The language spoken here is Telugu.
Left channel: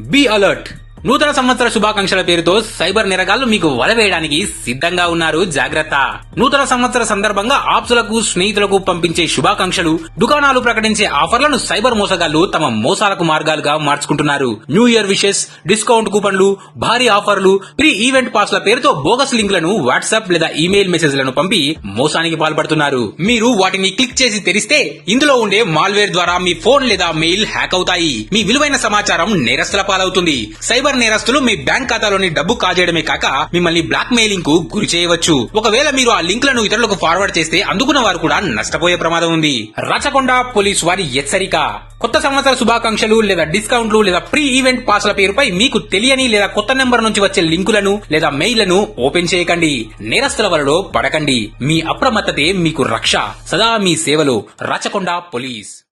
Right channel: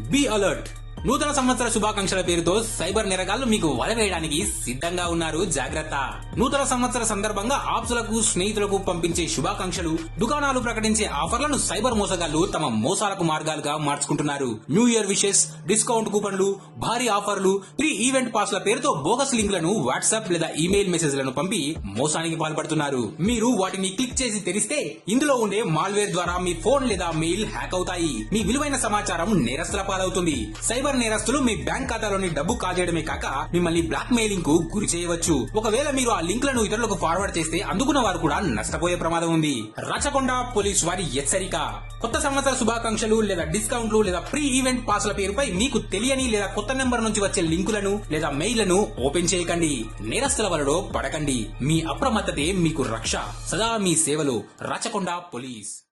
Be alert. నూతన సంవత్సర శుభాకాంక్షల పేరుతో సైబర్ నేరగాళ్లు మీకు వల వేయడానికి సిద్ధంగా ఉన్నారు. జాగ్రత్త. నూతన సంవత్సర సందర్భంగా ఆప్సులకు, స్నేహితులకు పంపించే శుభాకాంక్షలు, దుకాణాలు ప్రకటించే ఆఫర్లను సైబర్ మోసగాళ్లు తమ మోసాలకు మార్గాలుగా మార్చుకుంటున్నారు. న్యూ ఇయర్ విషెస్, డిస్కౌంట్ కూపన్లు, భారీ ఆఫర్లు, ప్రీ ఈవెంట్ పాస్ల పేరుతో బోగస్ లింకులను వాట్సాప్ లేదా ఈమెయిల్ మెసేజ్లను పంపి మోసానికి పాల్పడుతున్నారు. మీరు వాటిని క్లిక్ చేసి తెరిస్తే ఇందులో ఉండే మాల్వేర్ ద్వారా మీ ఫోన్ లేదా మెయిల్ హ్యాక్ అవుతాయి. మీ విలువైన సమాచారం నేరస్తుల పాలవుతుంది. సైబర్ నేరస్తులు మీ బ్యాంక్ ఖాతాలోని డబ్బు కాజేయడమే కాక మిమ్మల్ని బ్లాక్ మెయిలింగ్ కు గురి చేయవచ్చు. ఒకవేళ మీరు ఆ లింకులను ఇతరులకు ఫార్వర్డ్ చేస్తే అందుకున్న వారు కూడా నష్టపోయే ప్రమాదం ఉంది. రచకొండ పోలీసు వారి హెచ్చరిక. కొత్త సంవత్సర శుభాకాంక్షలు లేదా డిస్కౌంట్లు లేదా ప్రీ ఈవెంట్ పాస్ల పేరుపై మీకు తెలియని లేదా కొత్త నెంబర్ నుంచి వచ్చే లింకులను లేదా మెయిల్లను ఓపెన్ చేయకండి. నేరస్తుల వలలో పడకండి. మీ అప్రమత్తతే మీకు రక్ష. సదా మీ సేవలో. రచకొండ పోలీస్.